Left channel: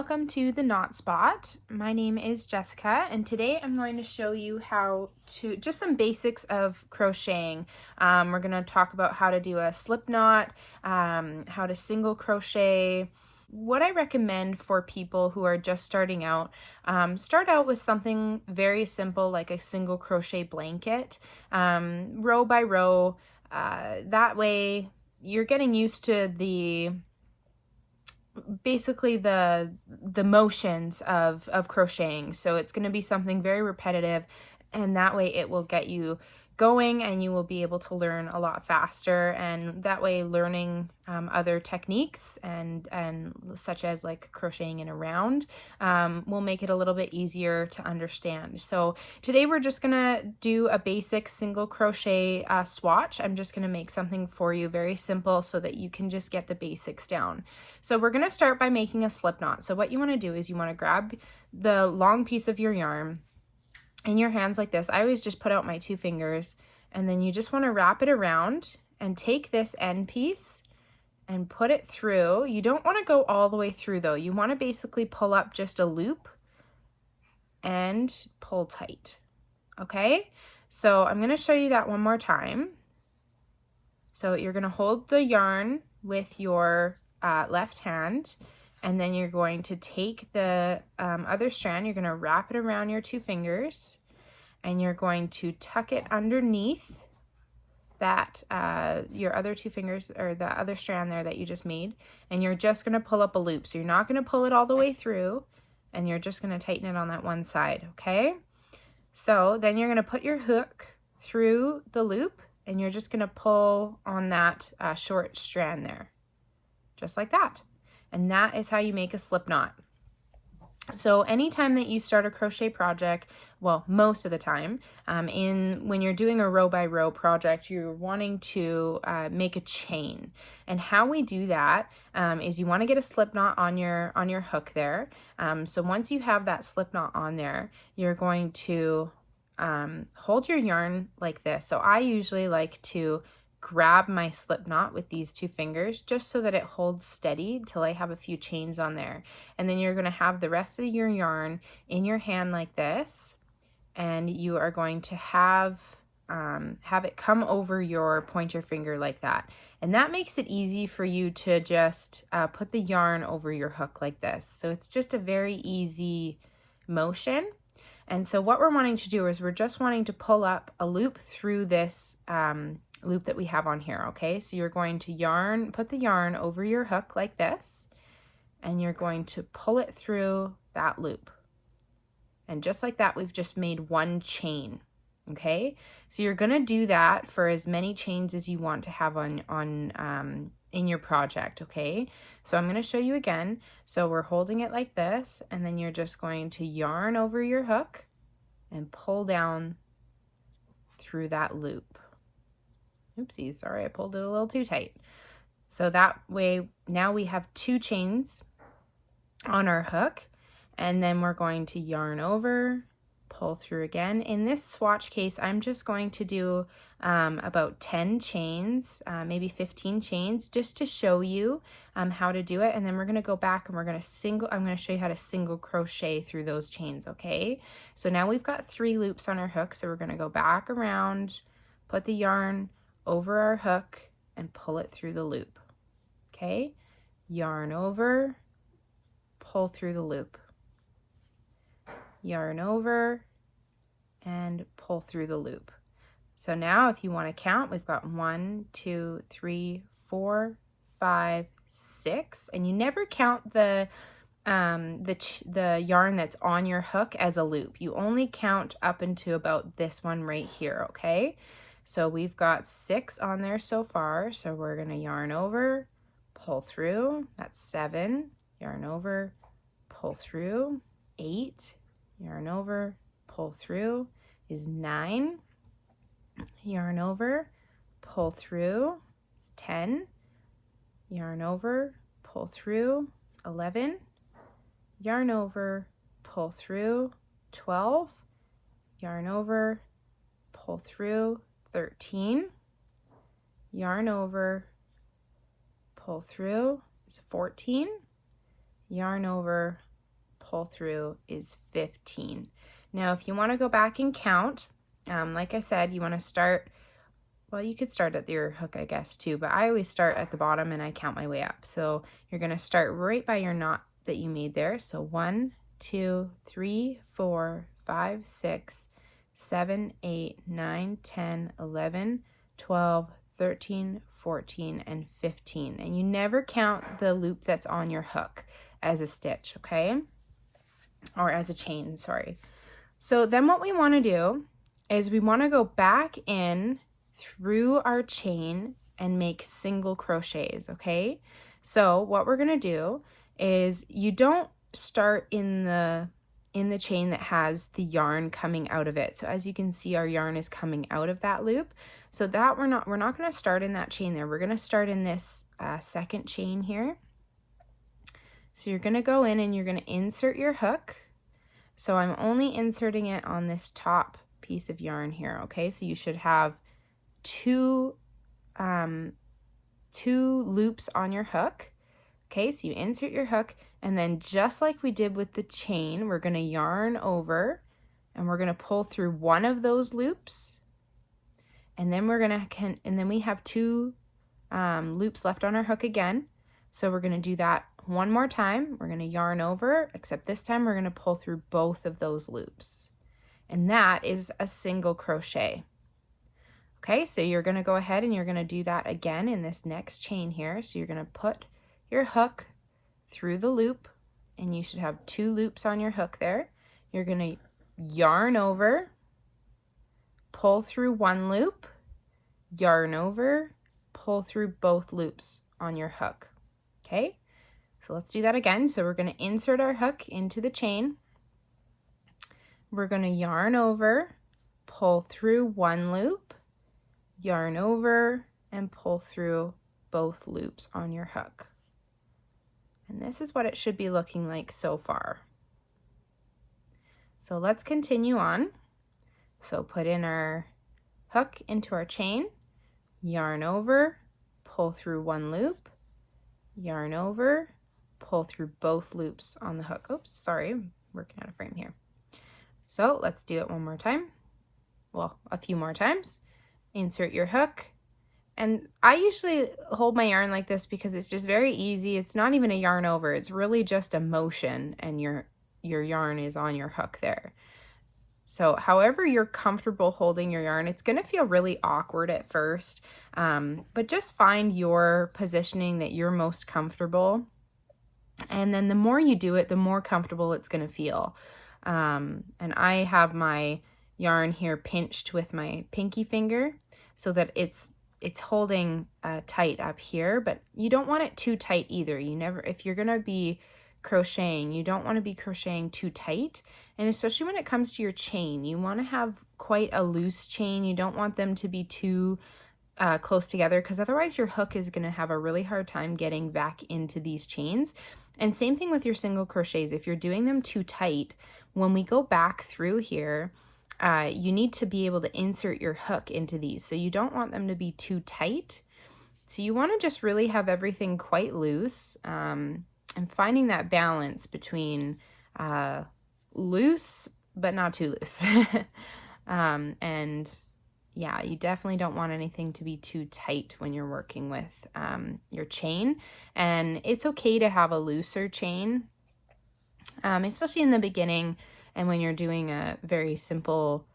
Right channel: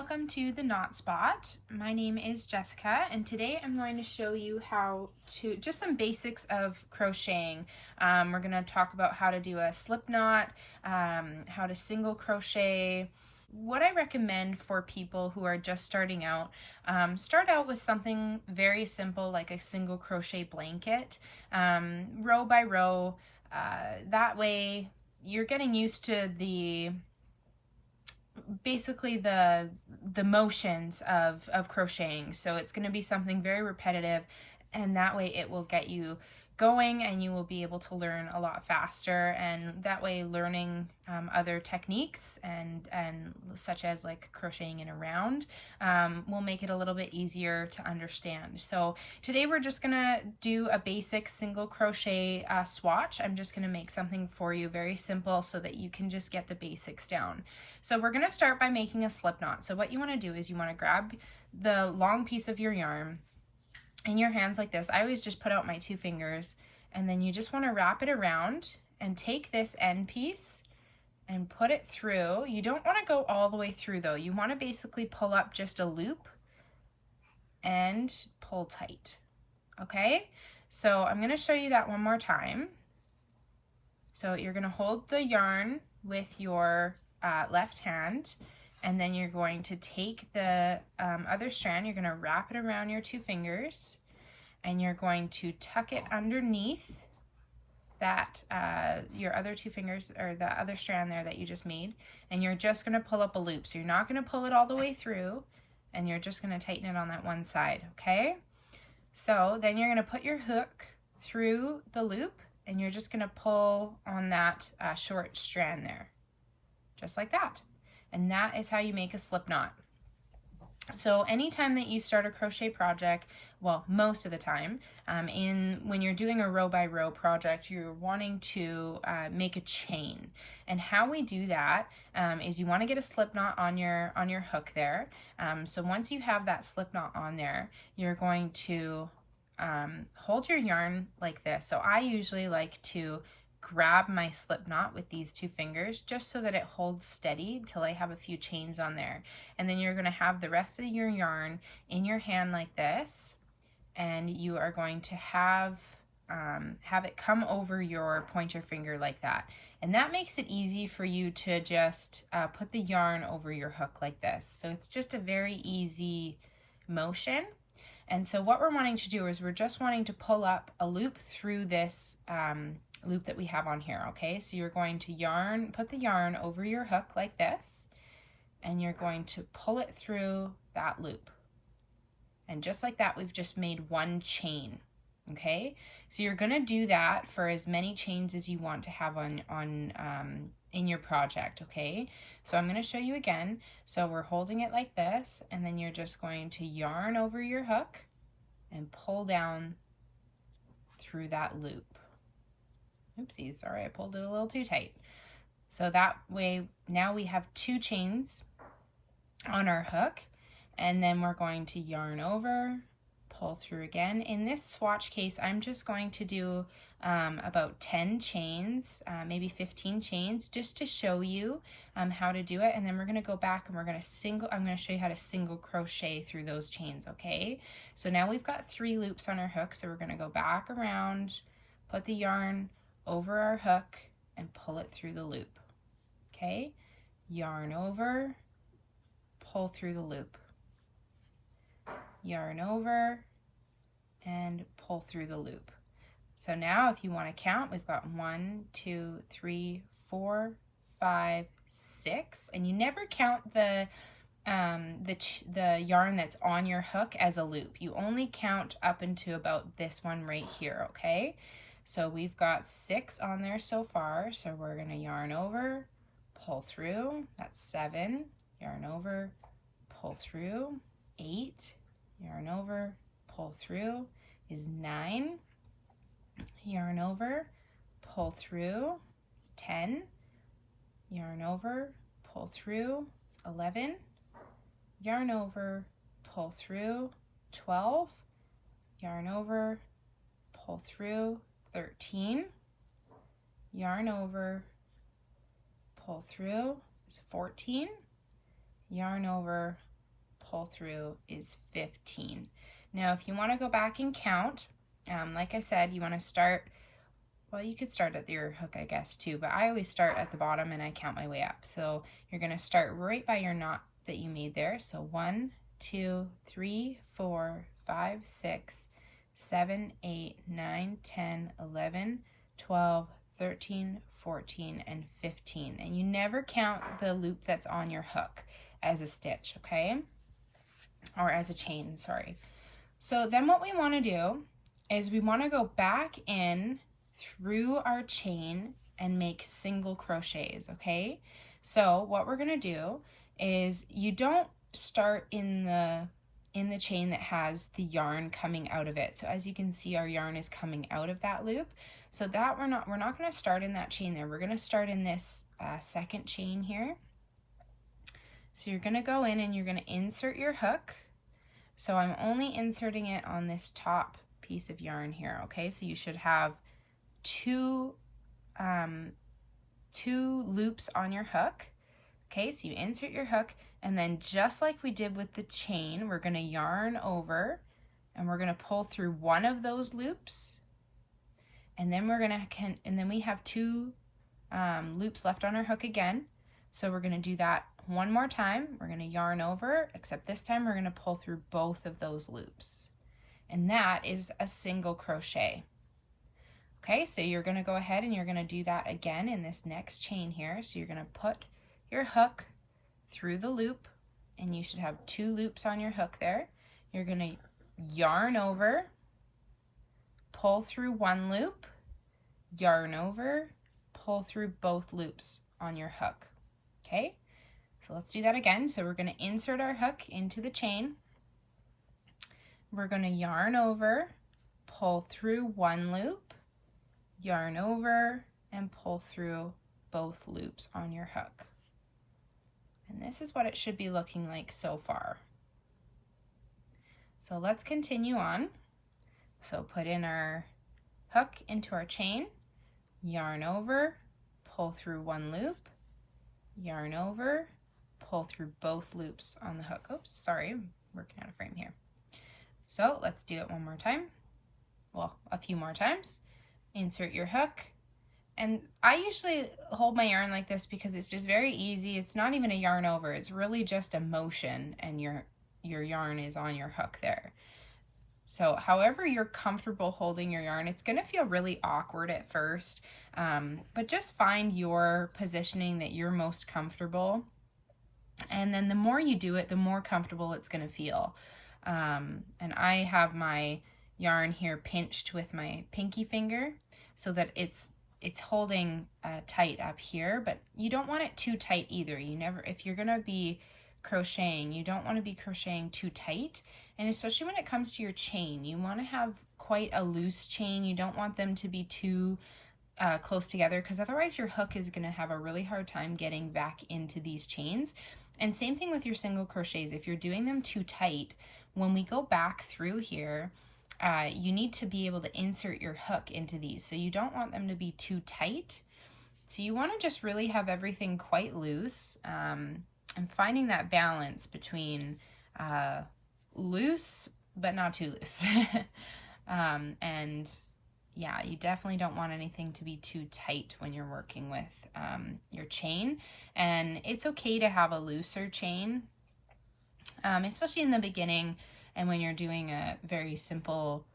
welcome to the Knot Spot. My name is Jessica, and today I'm going to show you how to, just some basics of crocheting. We're going to talk about how to do a slip knot, how to single crochet. What I recommend for people who are just starting out, start out with something very simple like a single crochet blanket, row by row. That way you're getting used to basically the motions of crocheting. So it's going to be something very repetitive, and that way it will get you going and you will be able to learn a lot faster, and that way learning other techniques and such as like crocheting in a round will make it a little bit easier to understand. So today we're just gonna do a basic single crochet swatch. I'm just gonna make something for you very simple so that you can just get the basics down. So we're gonna start by making a slip knot. So what you wanna do is you wanna grab the long piece of your yarn in your hands like this. I always just put out my 2 fingers, and then you just want to wrap it around and take this end piece and put it through. You don't want to go all the way through though. You want to basically pull up just a loop and pull tight. Okay, so I'm going to show you that one more time. So you're going to hold the yarn with your left hand, and then you're going to take the other strand, you're going to wrap it around your 2 fingers, and you're going to tuck it underneath that, your other 2 fingers, or the other strand there that you just made, and you're just going to pull up a loop. So you're not going to pull it all the way through, and you're just going to tighten it on that one side, okay? So then you're going to put your hook through the loop, and you're just going to pull on that short strand there, just like that. And that is how you make a slip knot. So anytime that you start a crochet project, well, most of the time, when you're doing a row by row project, you're wanting to make a chain. And how we do that is you want to get a slip knot on your hook there. So once you have that slip knot on there, you're going to hold your yarn like this. So I usually like to grab my slip knot with these 2 fingers just so that it holds steady till I have a few chains on there. And then you're going to have the rest of your yarn in your hand like this, and you are going to have it come over your pointer finger like that. And that makes it easy for you to just put the yarn over your hook like this. So it's just a very easy motion. And so what we're wanting to do is we're just wanting to pull up a loop through this loop that we have on here, okay? So you're going to put the yarn over your hook like this, and you're going to pull it through that loop. And just like that, we've just made 1 chain, okay? So you're gonna do that for as many chains as you want to have in your project, okay? So I'm gonna show you again. So we're holding it like this, and then you're just going to yarn over your hook and pull down through that loop. Oopsies, sorry, I pulled it a little too tight. So that way, now we have 2 chains on our hook, and then we're going to yarn over, pull through again. In this swatch case, I'm just going to do about 10 chains, maybe 15 chains, just to show you how to do it. And then we're going to go back and I'm going to show you how to single crochet through those chains, okay? So now we've got 3 loops on our hook, so we're going to go back around, put the yarn over our hook, and pull it through the loop, okay? Yarn over, pull through the loop. Yarn over, and pull through the loop. So now if you want to count, we've got 1, 2, 3, 4, 5, 6, and you never count the yarn that's on your hook as a loop. You only count up into about this one right here, okay? So we've got 6 on there so far, so we're going to yarn over, pull through, that's 7, yarn over, pull through, 8, yarn over, pull through is 9, yarn over, pull through is 10, yarn over, pull through is 11, yarn over, pull through 12, yarn over, pull through 13, yarn over, pull through is 14, yarn over, pull through is 15. Now, if you want to go back and count, like I said, you want to start, well, you could start at your hook, I guess, too, but I always start at the bottom and I count my way up. So you're going to start right by your knot that you made there. So 1, 2, 3, 4, 5, 6, 7, 8, 9, 10, 11, 12, 13, 14, and 15. And you never count the loop that's on your hook as a stitch, okay? Or as a chain, sorry. So then what we want to do is we want to go back in through our chain and make single crochets, okay? So what we're going to do is you don't start in the chain that has the yarn coming out of it. So as you can see, our yarn is coming out of that loop. So that we're not going to start in that chain there. We're going to start in this second chain here. So you're going to go in and you're going to insert your hook. So I'm only inserting it on this top piece of yarn here, okay? So you should have two loops on your hook. Okay, so you insert your hook, and then just like we did with the chain, we're going to yarn over and we're going to pull through one of those loops, and then we have two loops left on our hook again. So we're going to do that one more time. We're going to yarn over, except this time we're going to pull through both of those loops, and that is a single crochet. Okay, so you're going to go ahead and you're going to do that again in this next chain here. So you're going to put your hook through the loop, and you should have two loops on your hook there. You're going to yarn over, pull through one loop, yarn over, pull through both loops on your hook. Okay, so let's do that again. So we're going to insert our hook into the chain. We're going to yarn over, pull through one loop, yarn over, and pull through both loops on your hook. And this is what it should be looking like so far. So let's continue on. So put in our hook into our chain, yarn over, pull through one loop, yarn over, pull through both loops on the hook. Oops, sorry, I'm working out of frame here. So let's do it one more time. Well, a few more times. Insert your hook. And I usually hold my yarn like this because it's just very easy. It's not even a yarn over. It's really just a motion, and your yarn is on your hook there. So however you're comfortable holding your yarn, it's going to feel really awkward at first, but just find your positioning that you're most comfortable. And then the more you do it, the more comfortable it's going to feel. And I have my yarn here pinched with my pinky finger so that it's holding tight up here, but you don't want it too tight either. If you're gonna be crocheting, you don't want to be crocheting too tight. And especially when it comes to your chain, you want to have quite a loose chain. You don't want them to be too close together, because otherwise your hook is gonna have a really hard time getting back into these chains. And same thing with your single crochets. If you're doing them too tight, when we go back through here, you need to be able to insert your hook into these. So you don't want them to be too tight. So you want to just really have everything quite loose, and finding that balance between loose but not too loose. And yeah, you definitely don't want anything to be too tight when you're working with your chain. And it's okay to have a looser chain, especially in the beginning. And when you're doing a very simple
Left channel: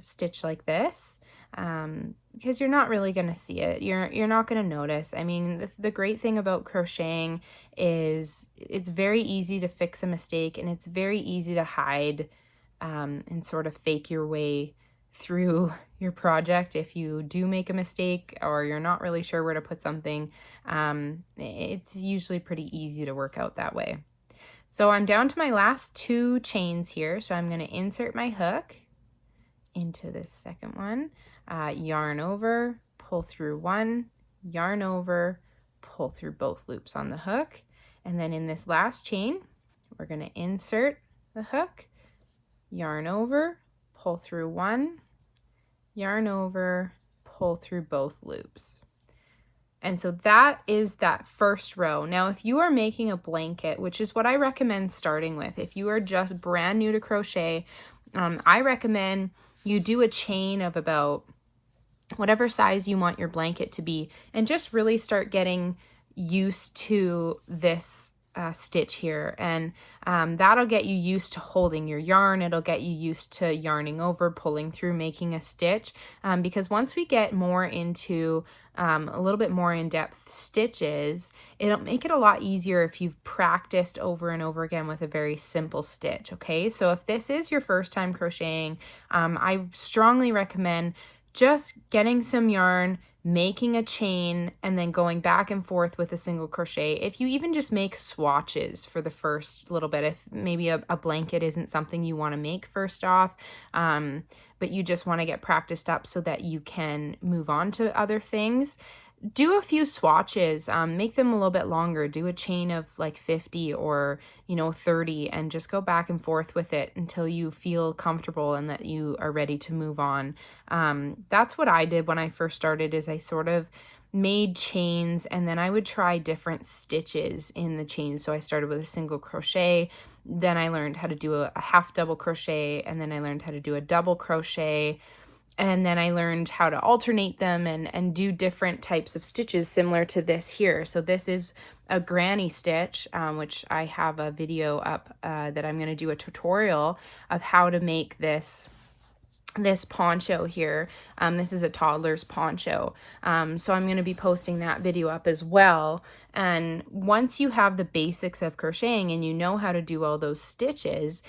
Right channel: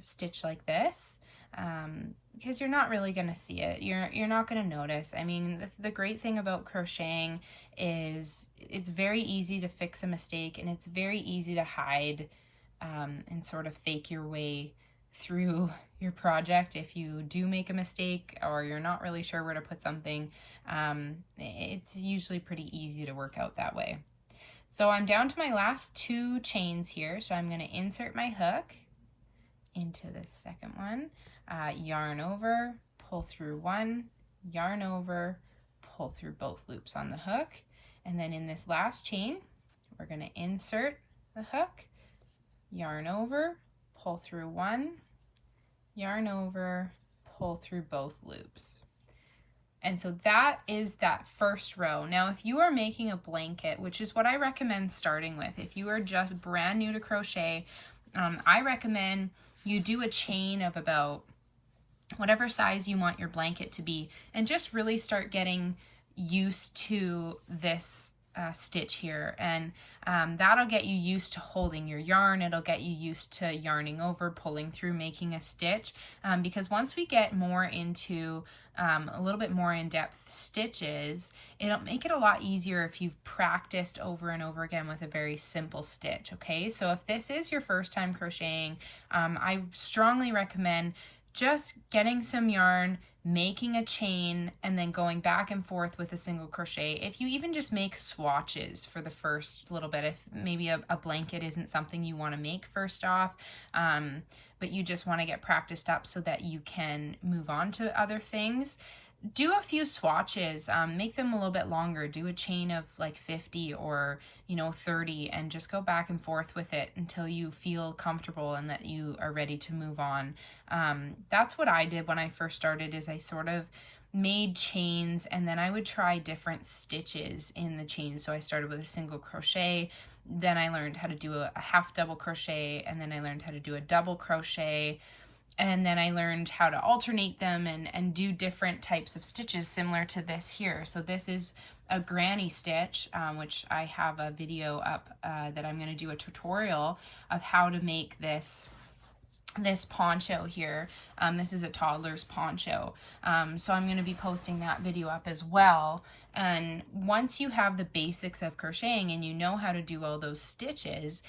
stitch like this, because you're not really going to see it. You're not going to notice. I mean, the great thing about crocheting is it's very easy to fix a mistake, and it's very easy to hide and sort of fake your way through your project. If you do make a mistake or you're not really sure where to put something, it's usually pretty easy to work out that way. So I'm down to my last two chains here. So I'm going to insert my hook into this second one, yarn over, pull through one, yarn over, pull through both loops on the hook. And then in this last chain, we're going to insert the hook, yarn over, pull through one, yarn over, pull through both loops. And so that is that first row. Now, if you are making a blanket, which is what I recommend starting with, if you are just brand new to crochet, I recommend you do a chain of about whatever size you want your blanket to be, and just really start getting used to this stitch here. And that'll get you used to holding your yarn. It'll get you used to yarning over, pulling through, making a stitch. Because once we get more into a little bit more in-depth stitches, it'll make it a lot easier if you've practiced over and over again with a very simple stitch. Okay, so if this is your first time crocheting, I strongly recommend just getting some yarn, making a chain, and then going back and forth with a single crochet. If you even just make swatches for the first little bit, if maybe a blanket isn't something you want to make first off, but you just want to get practiced up so that you can move on to other things, do a few swatches, make them a little bit longer, do a chain of like 50 or 30, and just go back and forth with it until you feel comfortable and that you are ready to move on. That's what I did when I first started, is I sort of made chains and then I would try different stitches in the chain. So I started with a single crochet, then I learned how to do a half double crochet, and then I learned how to do a double crochet, and then I learned how to alternate them and do different types of stitches similar to this here. So this is a granny stitch, which I have a video up that I'm going to do a tutorial of how to make this poncho here. This is a toddler's poncho. So I'm going to be posting that video up as well. And once you have the basics of crocheting and you know how to do all those stitches,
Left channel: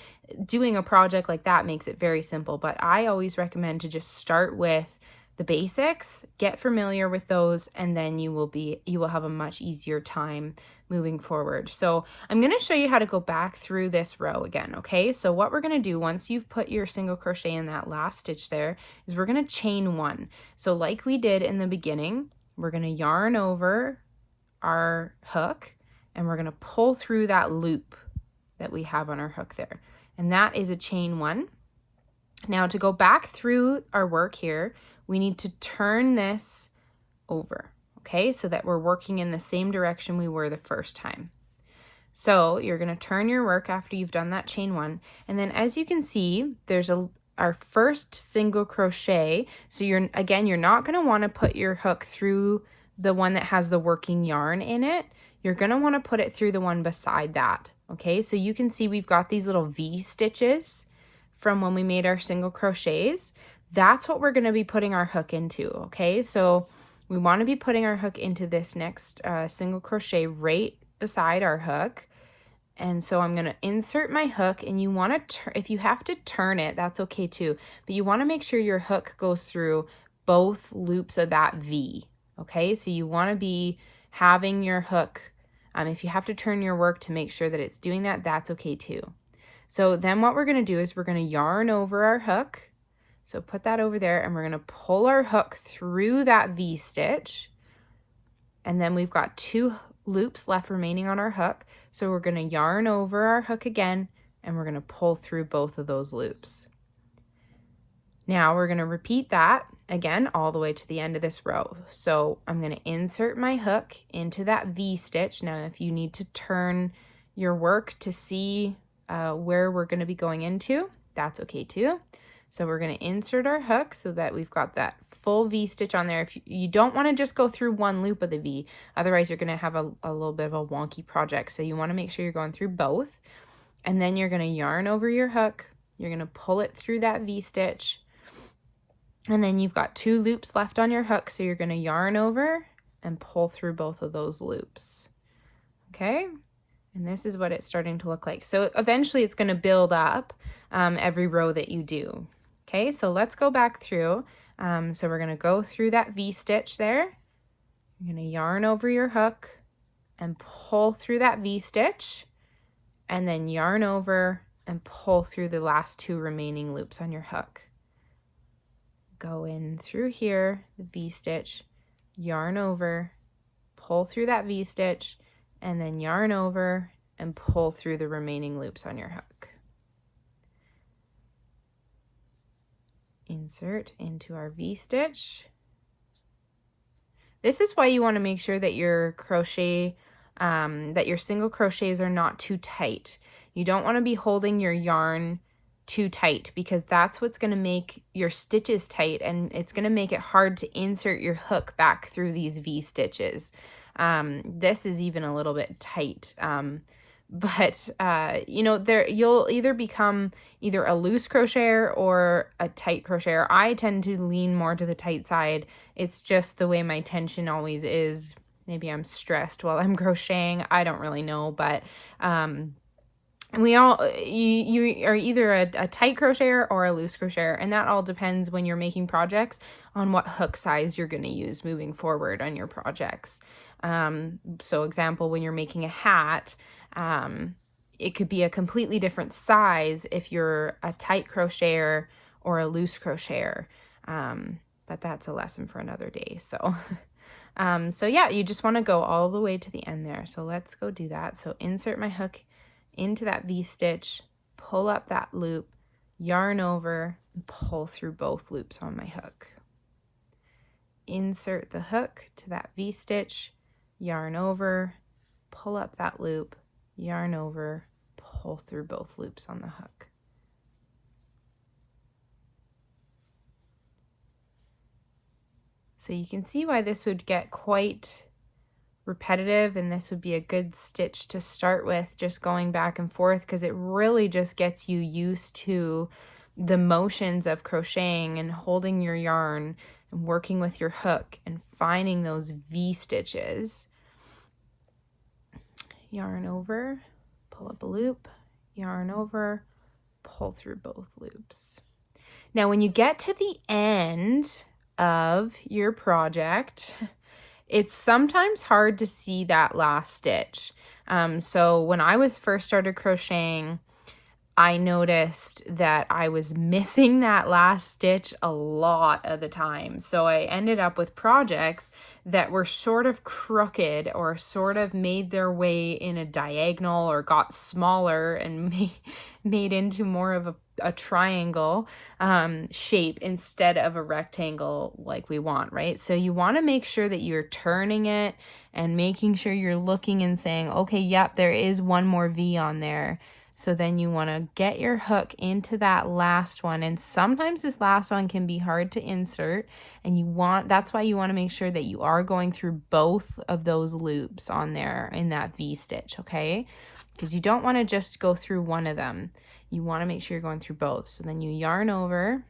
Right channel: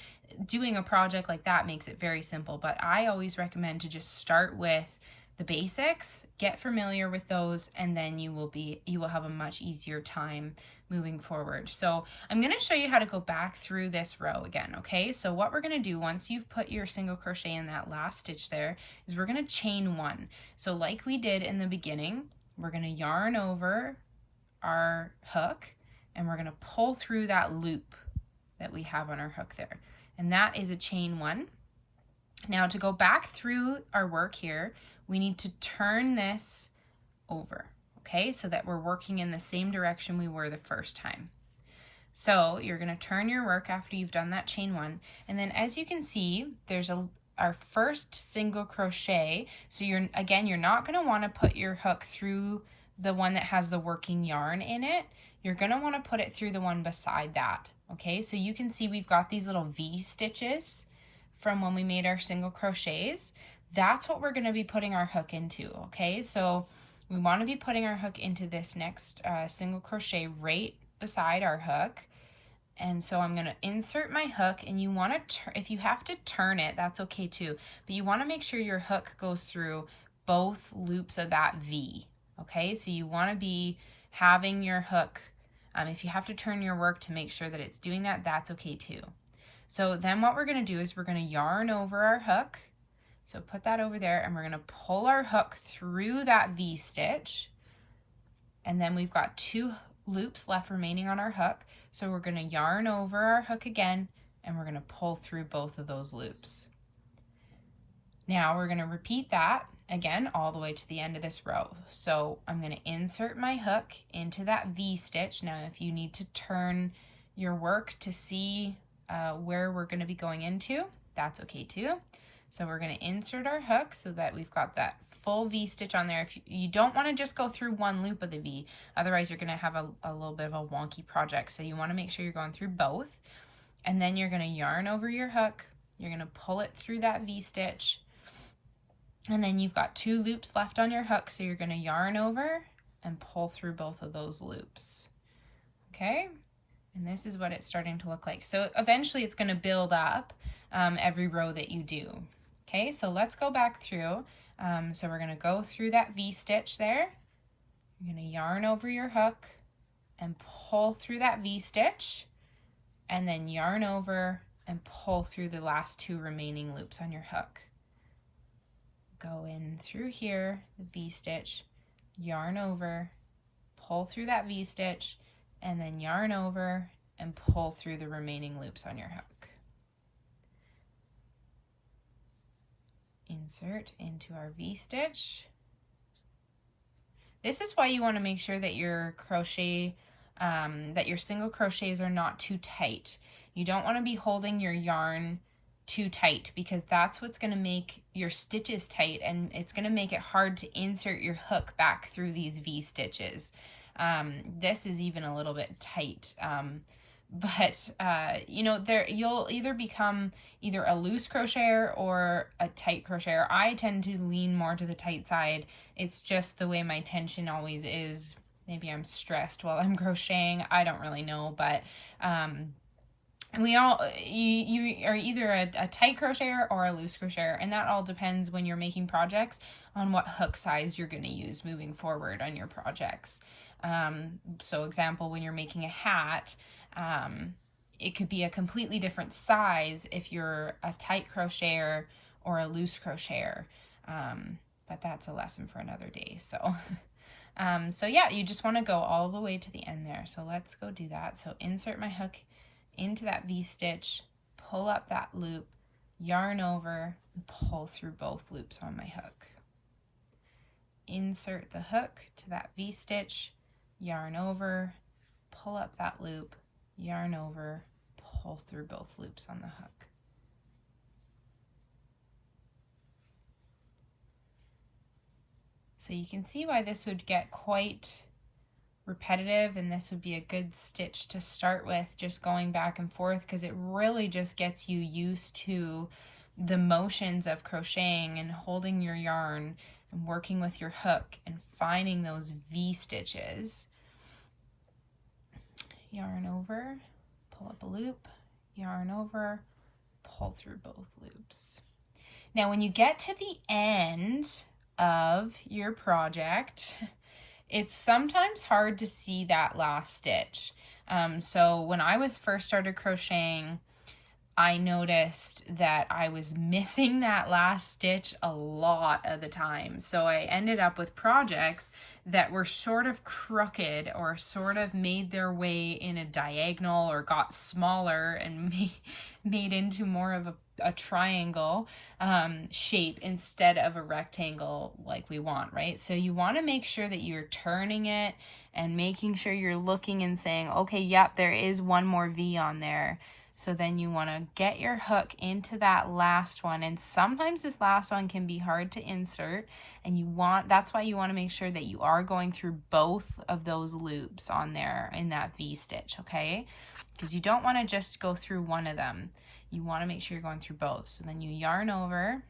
doing a project like that makes it very simple. But I always recommend to just start with the basics, get familiar with those, and then you will have a much easier time moving forward. So I'm going to show you how to go back through this row again. Okay, so what we're going to do once you've put your single crochet in that last stitch there is we're going to chain one. So like we did in the beginning, we're going to yarn over our hook and we're going to pull through that loop that we have on our hook there, and that is a chain one. Now to go back through our work here, we need to turn this over, okay, so that we're working in the same direction we were the first time. So you're going to turn your work after you've done that chain one, and then as you can see, there's our first single crochet. So you're not going to want to put your hook through the one that has the working yarn in it. You're going to want to put it through the one beside that. Okay, so you can see we've got these little V stitches from when we made our single crochets. That's what we're going to be putting our hook into. Okay, so we want to be putting our hook into this next single crochet right beside our hook. And so I'm going to insert my hook, and you want to, if you have to turn it, that's okay too, but you want to make sure your hook goes through both loops of that V. Okay, so you want to be having your hook, if you have to turn your work to make sure that it's doing that, that's okay too. So then what we're going to do is we're going to yarn over our hook. So put that over there, and we're going to pull our hook through that V stitch. And then we've got 2 loops left remaining on our hook. So we're going to yarn over our hook again, and we're going to pull through both of those loops. Now we're going to repeat that again all the way to the end of this row. So I'm going to insert my hook into that V stitch. Now if you need to turn your work to see where we're going to be going into, that's okay too. So we're going to insert our hook so that we've got that full V stitch on there. If you don't want to just go through one loop of the V, otherwise you're going to have a little bit of a wonky project. So you want to make sure you're going through both, and then you're going to yarn over your hook. You're going to pull it through that V stitch, and then you've got 2 loops left on your hook. So you're going to yarn over and pull through both of those loops. Okay, and this is what it's starting to look like. So eventually it's going to build up every row that you do. Okay, so let's go back through. So we're going to go through that V stitch there. You're going to yarn over your hook and pull through that V stitch, and then yarn over and pull through the last 2 remaining loops on your hook. Go in through here, the V stitch, yarn over, pull through that V stitch, and then yarn over and pull through the remaining loops on your hook. Insert into our V stitch, This is why you want to make sure that your crochet, that your single crochets are not too tight. You don't want to be holding your yarn too tight, because that's what's going to make your stitches tight, and it's going to make it hard to insert your hook back through these V stitches. This is even a little bit tight. But you know, you'll either become either a loose crocheter or a tight crocheter. I tend to lean more to the tight side. It's just the way my tension always is. Maybe I'm stressed while I'm crocheting. I don't really know, but you are either a tight crocheter or a loose crocheter, and that all depends when you're making projects on what hook size you're going to use moving forward on your projects. So example, when you're making a hat, it could be a completely different size if you're a tight crocheter or a loose crocheter. But that's a lesson for another day. So, so yeah, you just want to go all the way to the end there. So let's go do that. So insert my hook into that V stitch, pull up that loop, yarn over, and pull through both loops on my hook. Insert the hook to that V stitch, yarn over, pull up that loop, yarn over, pull through both loops on the hook. So you can see why this would get quite repetitive, and this would be a good stitch to start with, just going back and forth, because it really just gets you used to the motions of crocheting and holding your yarn and working with your hook and finding those V stitches. Yarn over, pull up a loop, yarn over, pull through both loops. Now when you get to the end of your project, it's sometimes hard to see that last stitch. So when I was first started crocheting, I noticed that I was missing that last stitch a lot of the time. So I ended up with projects that were sort of crooked or sort of made their way in a diagonal or got smaller and made into more of a triangle shape instead of a rectangle like we want, right? So you want to make sure that you're turning it and making sure you're looking and saying, okay, yep, there is one more V on there. So then you want to get your hook into that last one, and sometimes this last one can be hard to insert, and that's why you want to make sure that you are going through both of those loops on there in that V stitch, okay? Because you don't want to just go through one of them. You want to make sure you're going through both. So then you yarn over,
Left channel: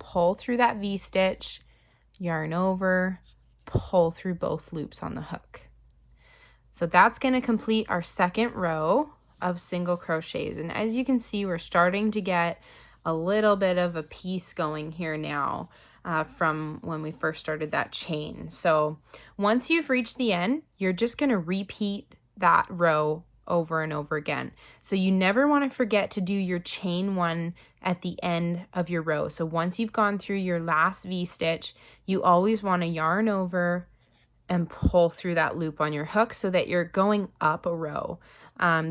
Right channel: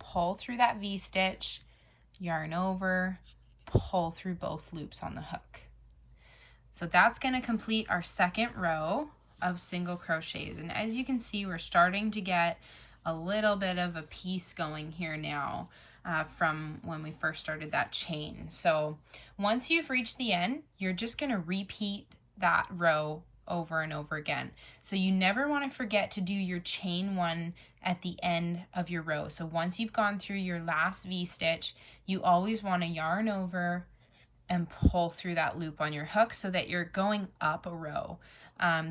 pull through that V stitch, yarn over, pull through both loops on the hook. So that's going to complete our second row of single crochets. And as you can see, we're starting to get a little bit of a piece going here now from when we first started that chain. So once you've reached the end, you're just going to repeat that row over and over again. So you never want to forget to do your chain one at the end of your row. So once you've gone through your last V stitch, you always want to yarn over and pull through that loop on your hook so that you're going up a row.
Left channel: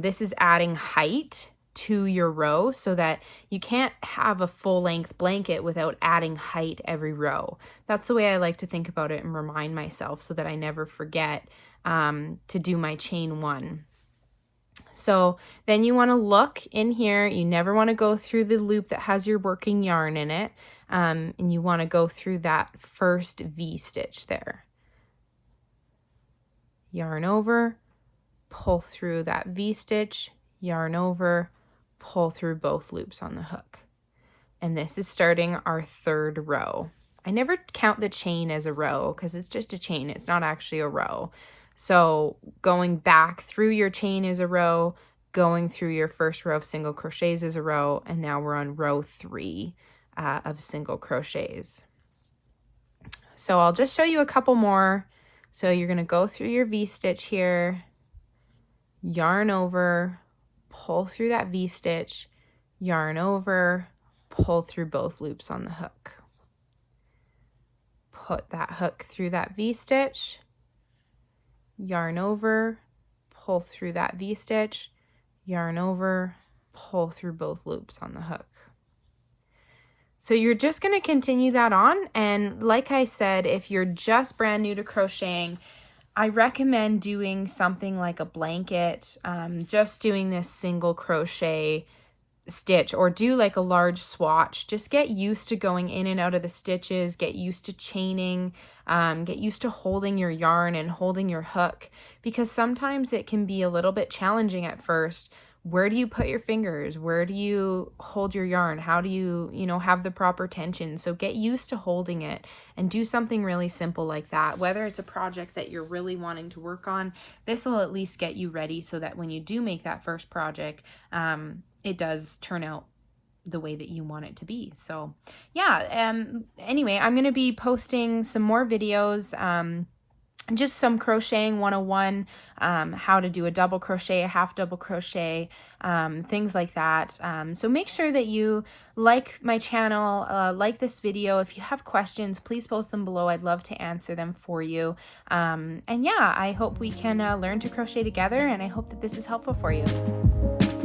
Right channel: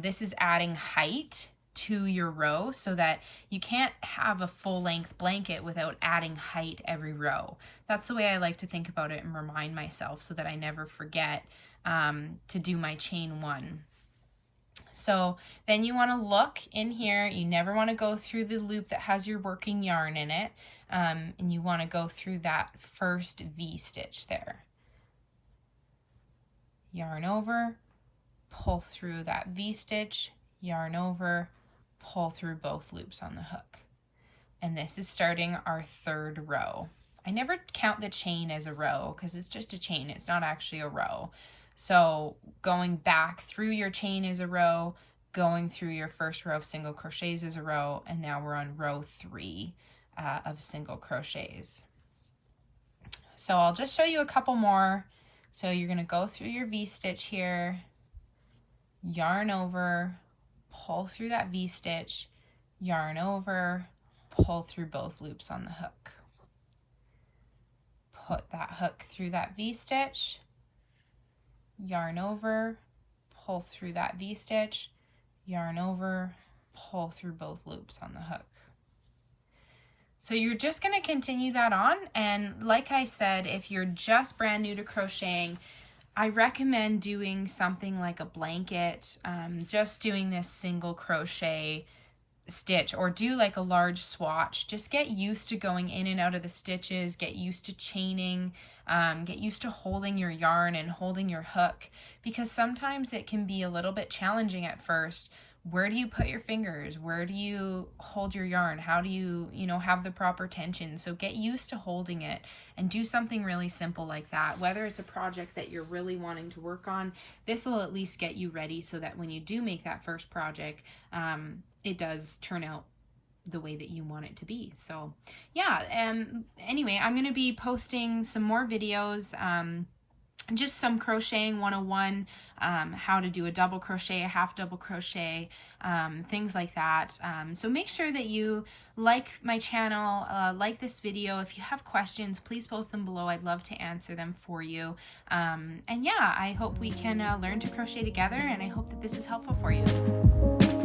This is adding height to your row so that you can't have a full length blanket without adding height every row. That's the way I like to think about it and remind myself so that I never forget to do my chain one. So then you want to look in here. You never want to go through the loop that has your working yarn in it. And you want to go through that first V stitch there. Yarn over, pull through that V stitch, yarn over, pull through both loops on the hook. And this is starting our third row. I never count the chain as a row because it's just a chain. It's not actually a row. So going back through your chain is a row, going through your first row of single crochets is a row, and now we're on row 3 of single crochets. So I'll just show you a couple more. So you're going to go through your V stitch here, yarn over, pull through that V stitch, yarn over, pull through both loops on the hook. Put that hook through that V stitch, yarn over, pull through that V stitch, yarn over, pull through both loops on the hook. So you're just going to continue that on, and like I said, if you're just brand new to crocheting, I recommend doing something like a blanket, just doing this single crochet stitch, or do like a large swatch. Just get used to going in and out of the stitches, get used to chaining, get used to holding your yarn and holding your hook, because sometimes it can be a little bit challenging at first. Where do you put your fingers? Where do you hold your yarn? How do you, have the proper tension? So get used to holding it and do something really simple like that. Whether it's a project that you're really wanting to work on, this will at least get you ready so that when you do make that first project, it does turn out the way that you want it to be. So yeah, anyway, I'm going to be posting some more videos, just some crocheting 101, how to do a double crochet, a half double crochet, things like that. So make sure that you like my channel, like this video. If you have questions, please post them below. I'd love to answer them for you. And yeah, I hope we can learn to crochet together, and I hope that this is helpful for you.